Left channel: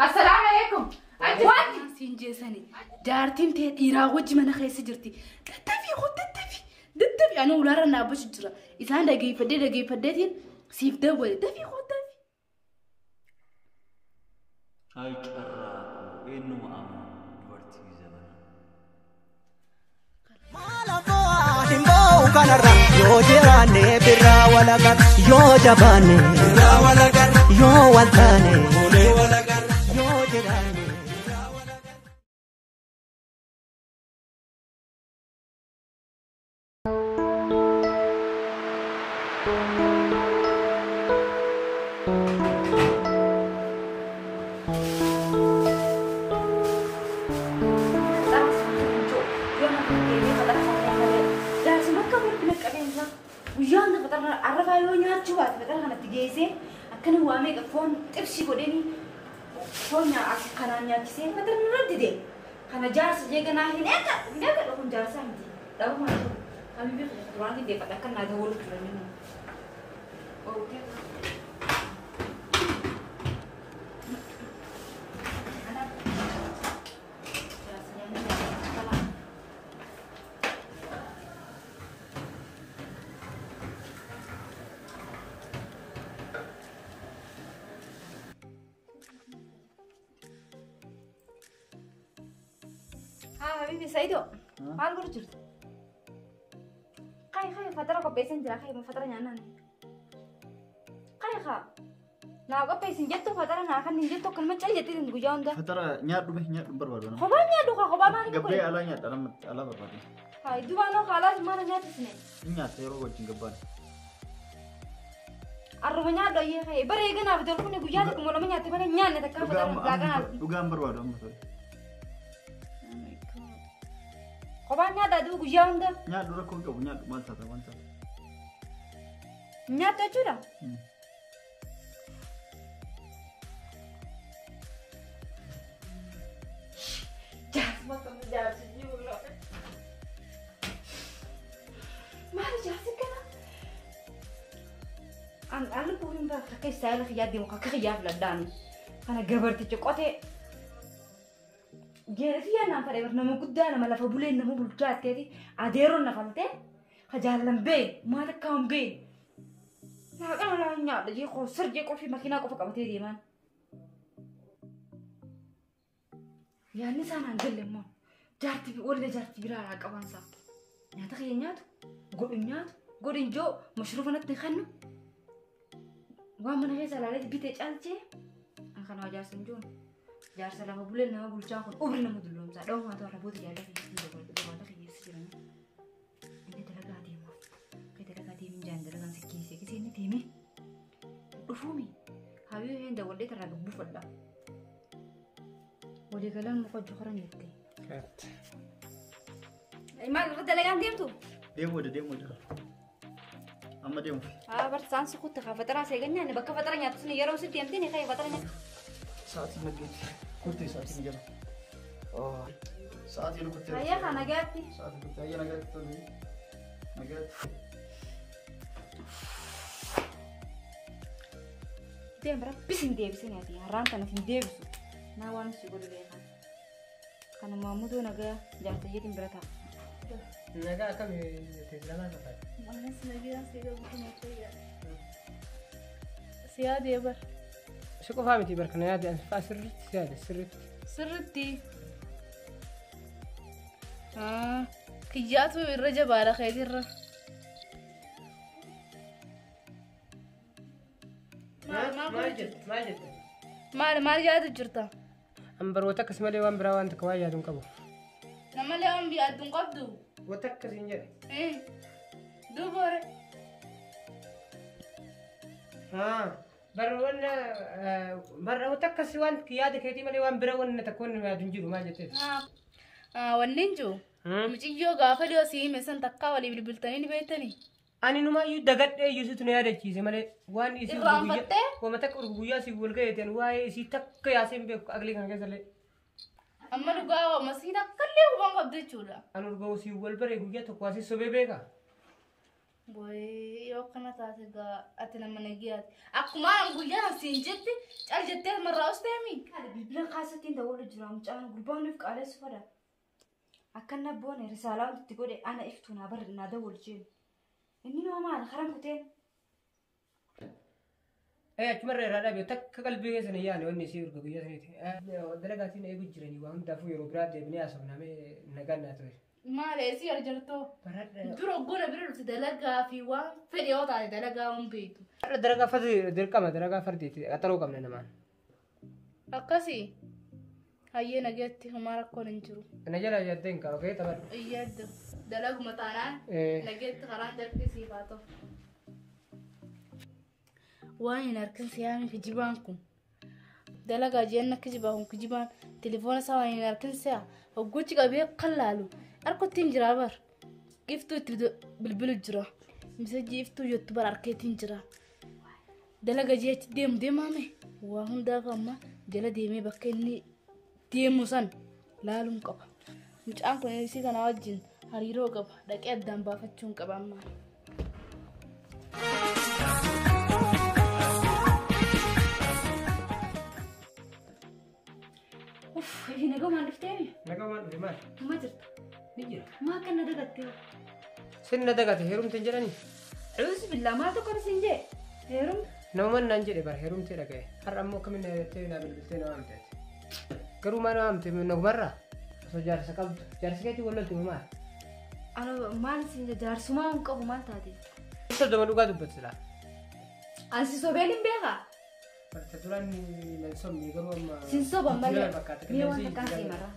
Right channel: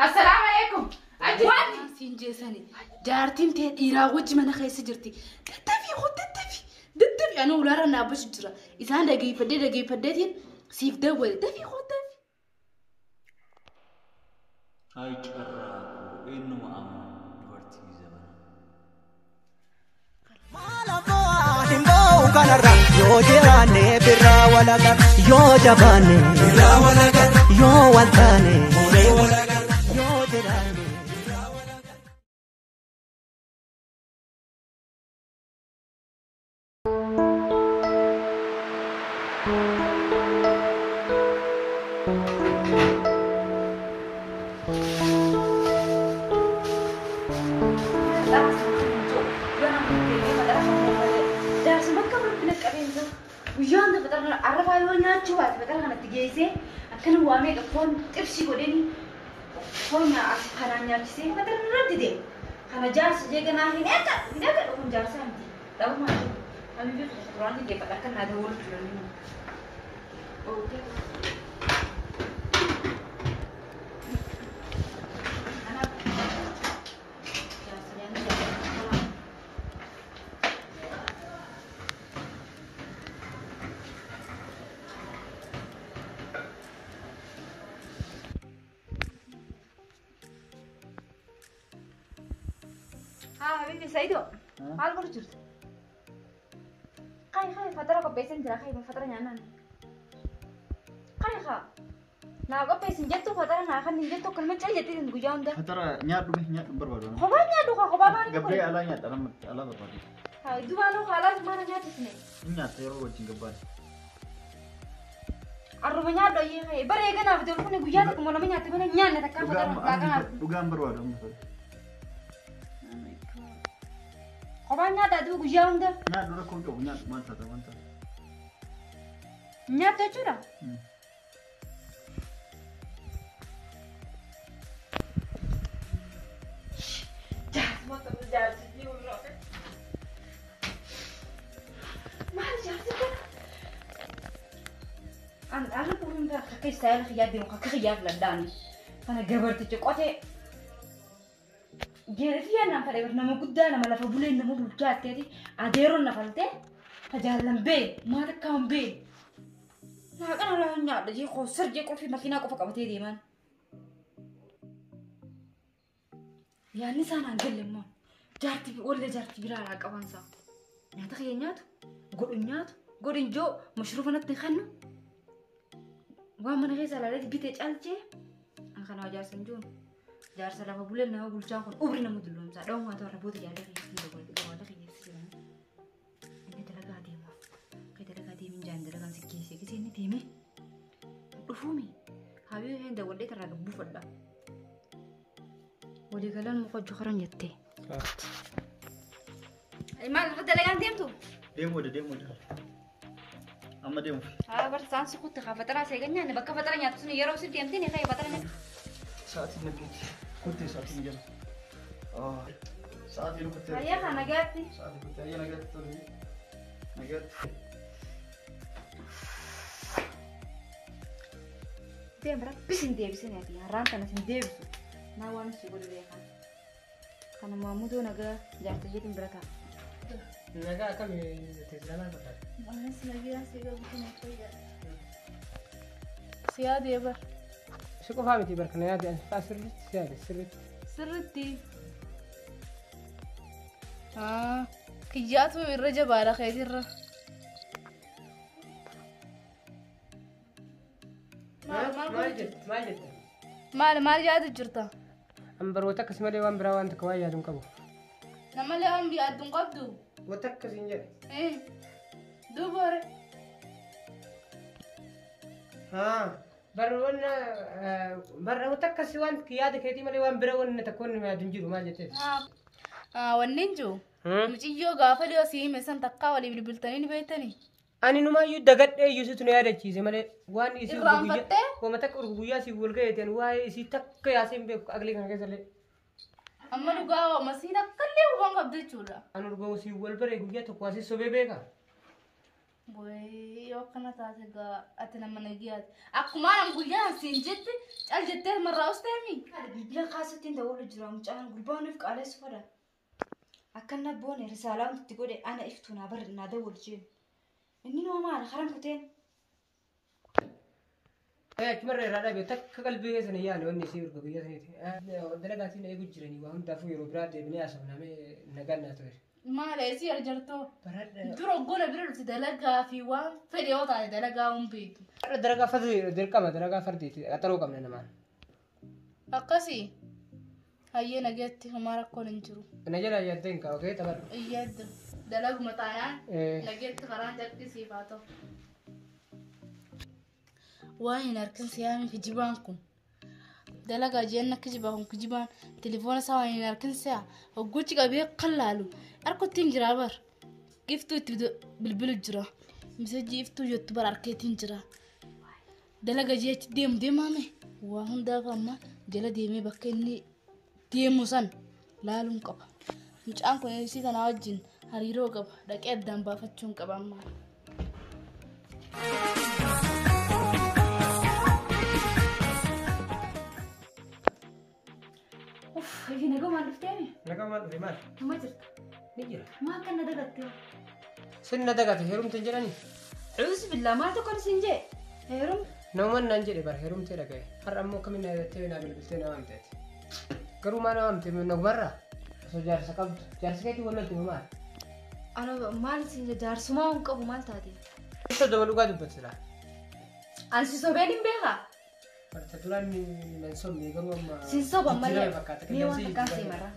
السلام عليكم. أجوان. سينجسني. جارتين تيت إيراوج من خيس جرتي. تتفي خد تتفي. تتفي أنا ولا رنا بشجرة. إذا عندك جي فدتين سيف دول تتفي خد تتفي. هاي كراكو إنه أمم دورتي زمان. Yo jirane birra walagar yo jabane birra walagar yo waltane mule walagar yo jirane birra walagar ويانا فترة عرفها يوميات شوات فترة أنا تجيسه أكن وامي كفون ترشي قدني فون يا أكس خنانيا كيسه فترة نردده خنا جالس جيجنا هناك لكم جالس عندي لو ما أمي بيفكر فترة كده فترة كنا دور كلنا أوكي حبيبي سيدو ما تقول جرت خاي فترة كبيسين جرا خاي فترة نانا خاي خا نا كبيسين جتو فترة نا خا نجتو كل ما تجي جتي نقول جاون ده فترة نيات بربادو خبا نيات دوكا خبا ما قبل على نيات أنا على بربادو هاي دوانو خلاص ما نيات سنين نيات يروح وجين قبل أرومنيا دوي خاي بري كنا في تلفوني بيجات كم ولا منيا تبنا نيان نتكلم دوغام بربادو خبانيا دادو بيجاون ده نيات دورك كون كم نيات مانتا نيات تجورا ما ترجع تجي ولا ما رجع سكنا أنا بقول ده كي سائل خيادي وكخياد لداني أنا جبرت تجقطه جيرتي أنا فريق نمو قدّا نما لفبولين نمو بلجات تدي أديرون نفلته فجالن بين ما تكام بين ما كانوا لا نيا دجي خسر جي كل في مكينة كوفا كبتي دي مان يعني سان أنجل لمن جارتي ولا جارتي برا على كمان سا نياتك ينيات قول إنجو مشروف أنا تنخنو وامن غير على بيتج ألجي أنا خنا جار سنجون جار سلام بولين نما بولجان كون أبرنا مدلهم سا دوم ما تورا بود جالك يسير دوالك يسير إني تلاقى ديما كي تلاقى ديمين جان تلاقى سكيسي كيسي إني ديمي رفومي هاوي هند ولي ترى قبو فدا ولي قالن مخو جخرن يتي ما تلاقى ديمو ديمو أما ديمو برسان سكوت فترة سيجني أنا بكرة فترة نياتسوني يروح سيدي أمتى نخاي فترة ساعتي نجيت كنت ساعتي نجيت ساعتي لو كنت هيا أنا جاتي ساعتي كنت هيا نجيت نجيت ديم برا بسين ديبسين يا تي هران كنا سين ديبسو ناوان سيقول لي كان مامودو نجا جات يجيتين بركة نجا كم تزلنا كذا أنا سنجي سيجا بكون شوية سيادة يبر شو كفاهمتي بركنا يا دي فاسر سيادة سرتي كياتو الرجب على خير ما جات جرتا أمبر وتك اسمه لي وان براوان تكواي يادون كبو نما لهم بيادون قبضو وتك زينجر دوباره بر وتك سوان كياد كيتي ملي وان براون تكون ما دنجو ما جت وننجو مجيو غافليو سي مسن تكا ولي بالبلتاني بيتني أنا نما يدقت يوسف نيادة شيء ملي وان يسي بوجي ومتك أرجويا سي بولك يتين واي سي تك ياسين بيك أغلي كان كذا أما لقاه مسيرة كله وان قبض الجورا أنا رجعوا سي بول بري بوجي تقواسي سبب بيكا boy yoo kana taate gaa ati nama nagiyaati akkuma guyyaa siin jetti cal jettee marraa usteemi Haala bilbila kaasattiin ta'uu jira mucaan gurbaaniif qaaleessu fada. Akka na boone risaalaan itti godhe ana iftuu naa barri naa dawwal jeen. Inni noo maal haran kuteen. Achumarra irraa dhaabee takka qalbii keessan yaane wanni isii urga guyyaa saniiti. Dalagaatiin eegu jiranii waa hundaafuu yeroo biraa deebinee haasofnamee nagaan naa ture. maalee si arjartoo dura gola bira dhufte dalagaa fi waan fedhe yoo taate dalagaa hin beektu. Dalagaa fardi dirqama dalagaa fardiiti qaxaroo qabna namaan. Akkasii hayyee nageetti homaa rakkoon hin jiru. Na jala yaaddee hin qabu taphadhu. Iyyadda dalaguma taanaan nageetti karaan jalqisiif haa ta'u. Waan hin harkan siyaami kijibaan kun dalagaa jeen akka kijibaa kun kijibaan telefoona isaa waan hin harkan siyaa hoggochi qabee kan laalu harkottiin jira bar iftuu itti bilbilu jira misajii iftuu jettu bar harkeetiin jira dalagaa jeechi deemaame waa hundaaf amma jala deemee bakka inni deemu san laaluun qaba mucaan kun isii kana wajjin hariiroo qaba dhaqee addaan baafachuun qaba ammaa. Ini naga maal dhufteemi? Nagaa maal dhufe maal? Uma jirta. Ni jira. Maa akka na dagatte hoo? Sin na dagate heerumte hin jedhanii? Cuus billaa maal tokko isin jee? Heerum? Namumaan naan jedhe bara heerumtee dhagaye. Har'a ammoo akkamiin na hirattee naa bilbiltee na waamteeti. Garuu maa na waamte nagumarraa? Osoo jaarsa qabdu. Jaarsi keetii wallalti moo maal? Ano maal isin jee jaarsumaa hin qabu maal taate? Isa dama dhugaa dubbatti laa. Ansi sobeen hin beekaa? Barta duraan nan sobni garuu amma. Sin soba malee fakkaata. mee waan takkaan seemarra.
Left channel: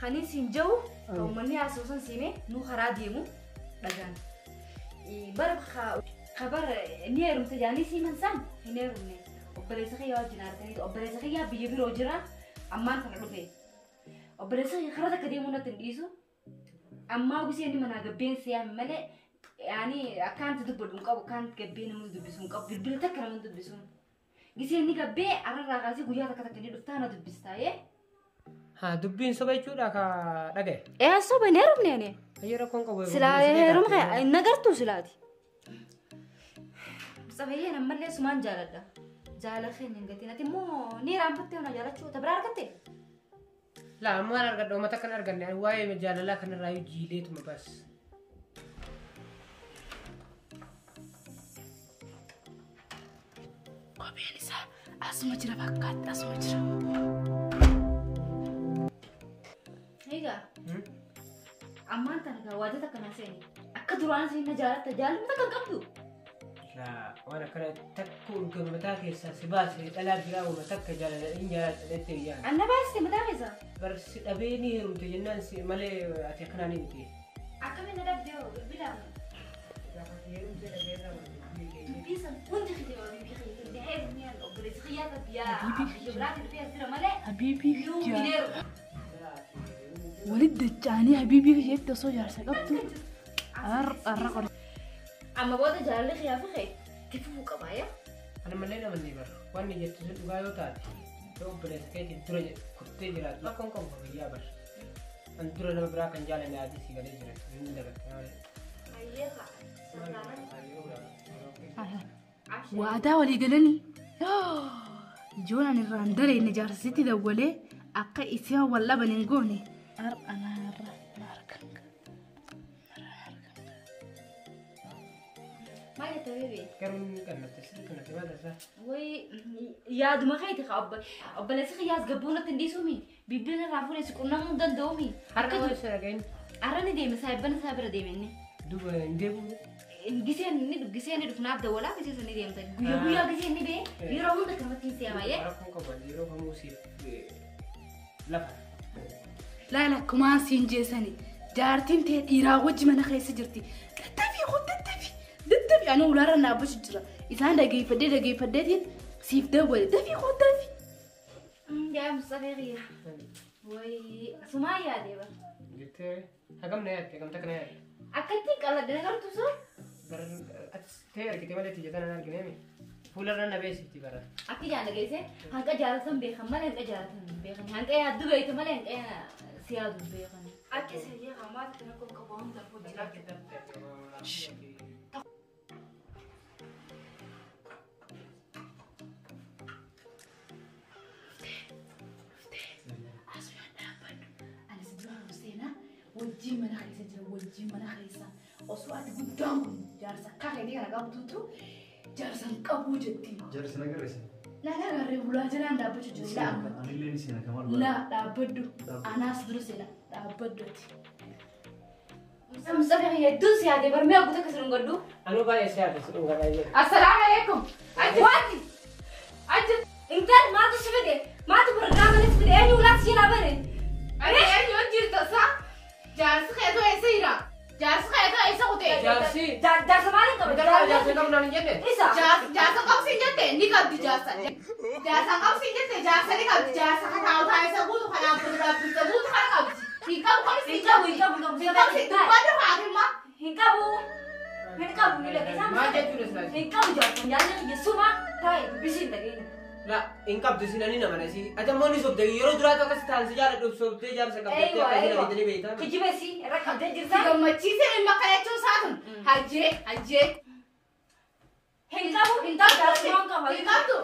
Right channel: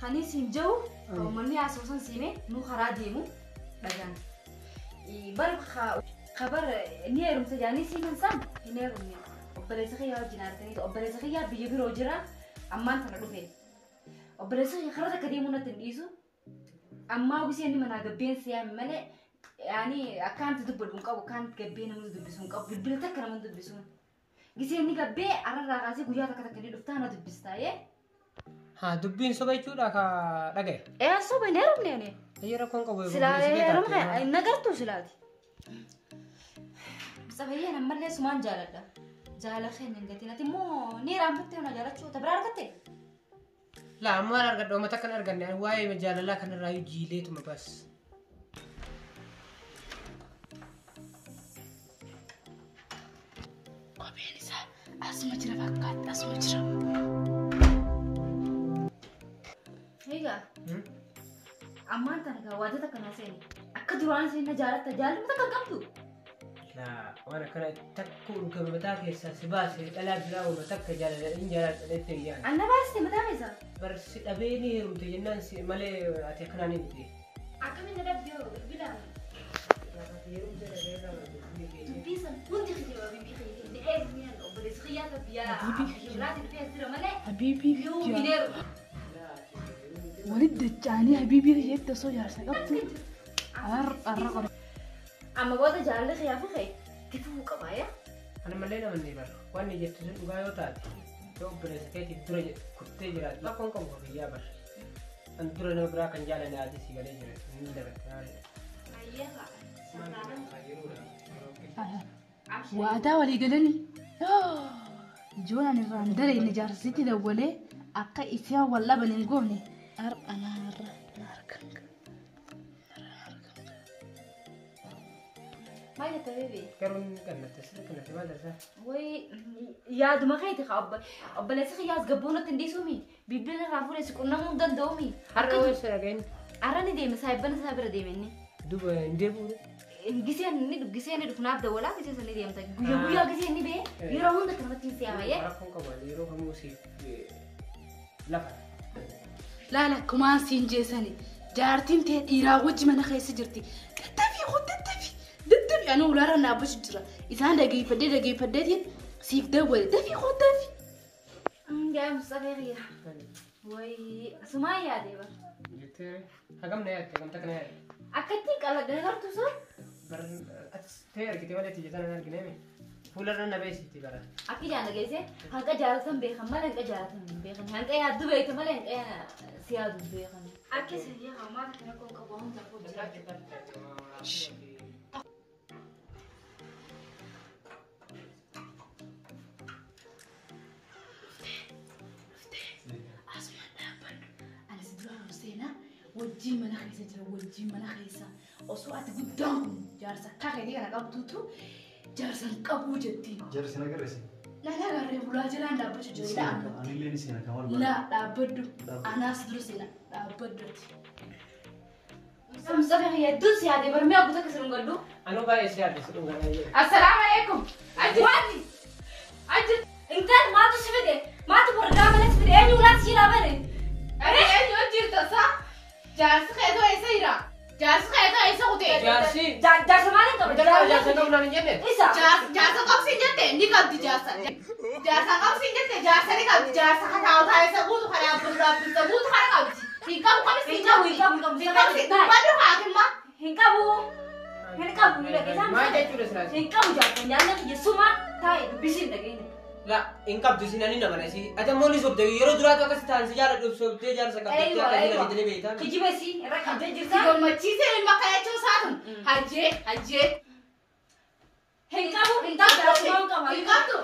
Kan isin jiru uummanni asoosan siimee nu karaa deemu dhagaan. Bara kabar ni heerumsa jaanii siiman san hin heerumne. Obboleessa kiyyaa wajjin arganii obboleessa kiyyaa biyya biroo jira ammaan kana dhufe. Obboleessa kiyyaa karaa takka deemuu natti hin dhiisu. Ammaa gisee inni manaa gabbeen siyaame malee yaani akkaanti dubbadhu hin qabu akkaanti gabbee namni dubbisu hin qabu bilbila takka namni dubbisu. Gisee inni gabbee ararraa kaasee guyyaa takka takka ni dhuftaa na dubbistaa yee. Haa dubbiin soba jechuudha ka dhagaye. Soba hin heerumne ani. Ayyee rakkoon qabu. Silaa heerumne hin agartuu silaati. Sabayyeen ammallee sumaan jaaladha. Jaalala keenya hin gatiin ati immoo ni raanfattee ona jaalachuu tabiraa argattee. Laa ammaan argadha uummata kan arganne waa'ee jaalalaa kanarraa yoo jiileetuma bas. Kopheen isaa asuma jira fakkaatti asuma jira. Egaa ammaan tana waajjata akkanaa seeni akka duraan seenna jaalatta jaalatama takka qabdu. Laa waan akkana takka urga mataa keessaa si baasee dhalaa biraa uuma takka jaaladha jaaladha jettee yaadda. Anna baasite mataa keessaa. Barsi dhabee ni heerumte jennaan si malee ati akkanaa ni miti. Akkamiin na dhabdee hoo bilaa. Dubbii san hundi kiti waa biyyi kiti ni heerumni yaala obboleessi kiyyaa ka biyyaa biraati dhufee asira malee. Habiibii Yoo gideeru. walitti dachaanii habiibii isheetti osoo jaarsa qabdu har'a qori. Amma booda jaalalli kiyyaa fi kee tifuu qabaaya. Ana malee nama ni bara waan ni jettu sun dhugaa yoo taate yoo obboleessa keetii dura kuttee jiraatu rakkoon qabu ka biyyaa bara. An dura nama biraa kan jaalane ati si galee jira inni dagatte malee. Waadaa walii galanii ijoolleen irraan daree inni jaarsisitti dawwalee akka isaan wal dhaban hin goone har'a naarra na argan. Maal jetta beebee? Garuu ni kannatte sirri kannatte maal darsaa? Wayii yaaduma keeti ka obboleessi kiyyaas gabboonatti hin dhiisuumi. Bilbila irraa fuudhee si qunnamuu hin danda'uumi. Akka har'a ni deeme saayibbana isaa bira deeme inni. Duuba hin deebi'u. Giseen ni dhufnaaf dawwalaa gisee sana ni deemta. Guyyaa giseen ni bee yeroo hunda kanatti hin siyaamaayee. Rakkoon qabu yeroo kamuu siif lafa. Laala kumaan siin jeesani jaartiin ta'e dhiiraa wajji mana keessa jirti. Daddabii ani ulaarra naabbachu jira. Isaan dhageeffadheetiin siif dawwale dafii qooddafi. Yaa Mustafa biyya. Wayii asumaa yaadee bara. Jettee hagam na yaadde hagamta kana yaadde. Akkatti qaladde gartuu sun. Bara ta'e argite malee tijjatan hin argineemi. Fuularra na beesitti bara. Akka jaan dhageesse hanqa jaalatan beekan malee hanqa jaalatan hin beekan. Hanqa yaaddu beekta malee hanqa si yaadu beekan. Akka sirrii hamaata kana kun qabu hunda fuuldura. wajjin mana keessa jira wajjin mana keessa osoo ati guddaan kun jaarsa akka keetii kana qabduutu jaarsan qabuu jetti. Jaarsi nagarreessi. Nana garee bulaa jiraan dhaabbachuu jira. Anillee ni seena kamal baala. Laa dhaabbaddu anaas dura seena dhaabbadduuti. Mustafa hedduun si yaade barmee abbootii akka sirun gaddu. Anuu baay'ee si yaade sirun gaddu. Assalaamu alaikum. Wanti. Ajji intaan maatu si fide maatu bargaa malee si fide eenyu laata si yaabane. Eenyu jirta saa. Jaarsi keetoo eessa jira? Jaarsi keetoo eessa kutee? Jaarsa maaliin qabu? Jaarsa qabu naan hin jenne. Isa. Jaarsa qabsiin jette ni qabdi jaarsa. Jaarsa qabsiin jette jaarsa ni qabdi jaarsa kataa utaayisa guutu karaa bulbulta guutu kana qabdi. Hin qabu kamis hin qabu. Baddu haakimma. Hin qabu. Hin qabu ni dhageessan. Maal jechuudha silaas? Hin qabu jaarsa nyaanna kiyya suma taa'e bisiin dhageenya. La in qabdu sinani nama nasi atammoo ni sobde yeroo duraatu akkas ta'an si jaala sobdee jaarsa qabdee akka inni gadi beeytaan. Kijibesi irra qabdee jirta. Gammachiisee ilma kana jechuun saatun hajjee. Hin qabu hin qabu jaarsa hin qabu. Hin qabdu.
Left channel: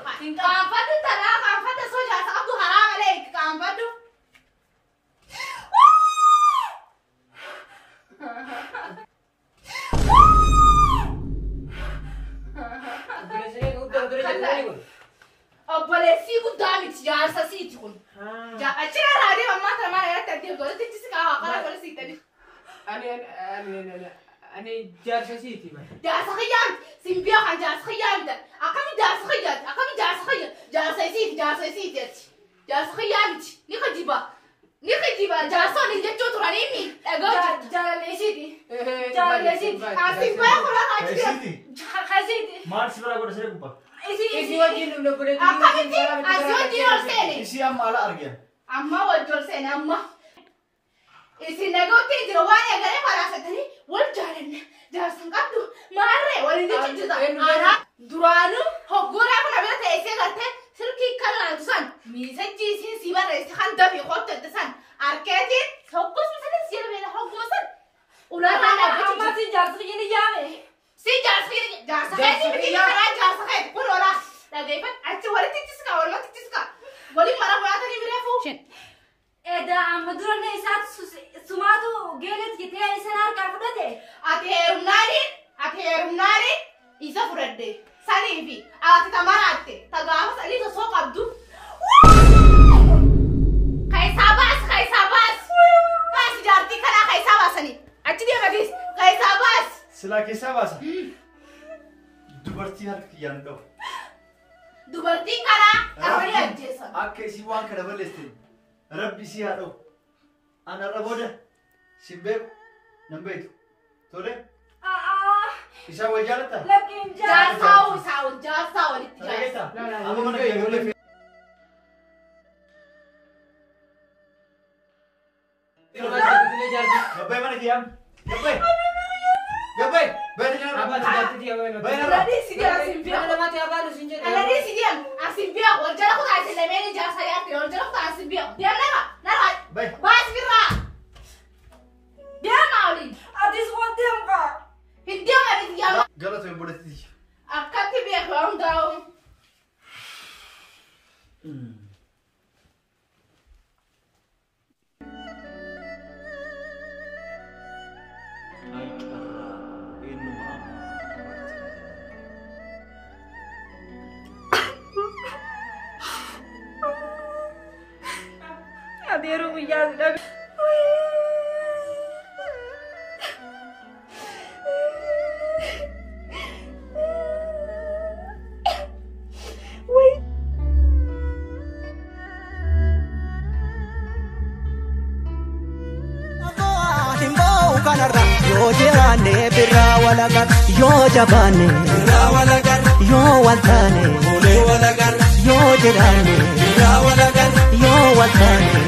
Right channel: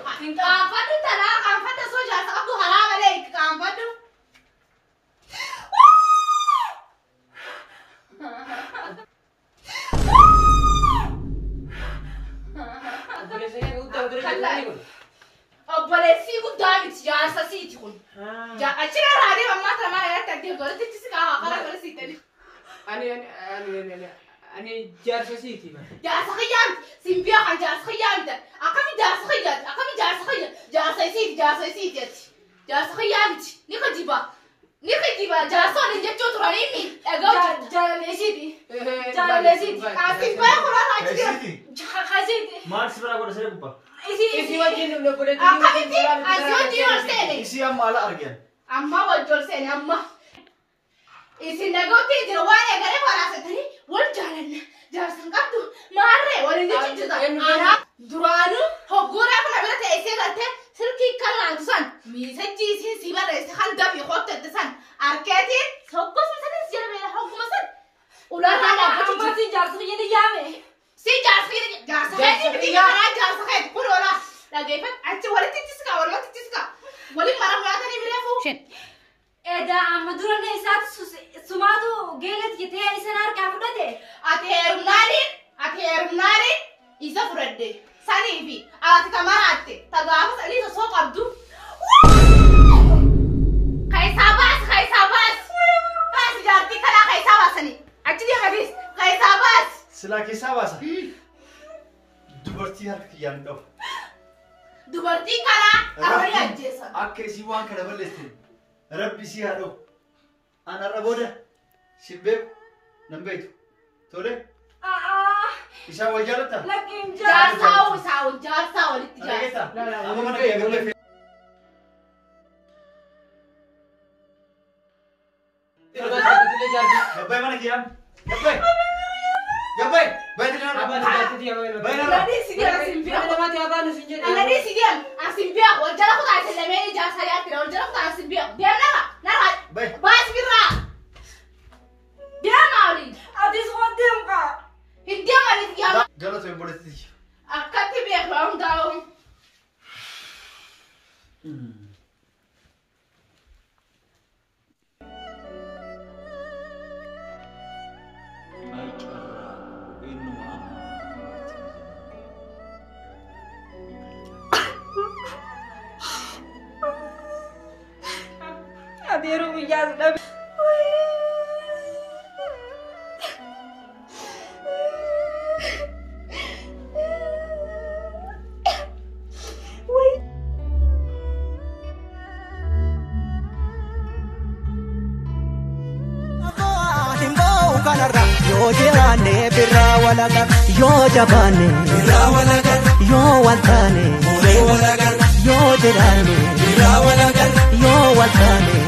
Qaanfaddu tanaa qaanfadda soo jaarsa qabdu haraa malee qaanfaddu. Obboleessii guddaa miti jaarsa siiti kun. Achirraa raadee ammaa kana maal irratti addee godhatti si kaawaa kana godha siitani. Ani jaarsa siiti ma. Jaarsa kiyyaamti simbiyaa kan jaarsa kiyyaamti akkami jaarsa kiyyaati akkami jaarsa kiyyaati jaarsa isiiti jetti. Jaarsa kiyyaamti ni kajiba jaarsa waliin jechuu turanii inni dhaga'u jaalaleesiiti. Asibbaa kun akka achi jira. Hasiiti. Maal si bira godha siree gubbaa? Isi wajjin dhumna godhatu. Akkamitti asii wajjin ol seene. Isi amma ala argan. Amma wajjin ol seene amma. Isin dhaga'utti jira waan eegalee faraasatanii wal jaalanna jaarsan qabdu maarree waliin jechuudha. Duraanuu hoggoodhaa kana bira teessee galtee silkii kan laantu san miisajjii isiin si barreesse kan dafii qottette san arkeetiin sokkosuma sanis jala beela hogguma san ulaataa dhaabbachuu Amma si jaarsa kiyya ni yaame. si jaarsa keetii miti kanaa jaarsa keeti kun oolaa dhageeffat achi walitti tiska walumatti tiska waliin mara muraatanii bireefuu. Eda amma duranne isaatu sumaatu geelet jetee isan harkaa fudhate. Ati heerumnaaniin isa fudhadde sanii fi ati tamaraatte tagaafa sanii osoo qabdu. Kaisaa baasi jaartii kanaa kaisaa baasanii achi deematiis kaisaa baasi. Silaa keessaa baasa. Dubartii harka kiyyaan qabu. Dubartiin kanaa abalii ajjeessan. Akka isii waan kana balleessite Rabbi isii haa dha'u. Anarra booda si beeku nan beektu. Tole? Isaan wal jaalattaa? Lakkiin Jaarsaa walitti jaarsa. Amma mana kiyya galee. Gabbay mana kiyyaam. Gabbay. Bayi nila. Alanii si deem asimbiyaa wal jala kutaa isin lameen jaarsaa yaatti wal jala kutaa asimbiyaa deem nama baasi birraa deemaa waliin Atis waan deemka. hin deemaniif yaa Galata hin boletti. akkatti beeku waan hundaa'u. Adeeruu biyyaa si dhabe. Yoo jiraanne birraa walagar yoo jabaanne birraa walagar yoo waltaane bulee walagar yoo jiraanne birraa walagar yoo waltaane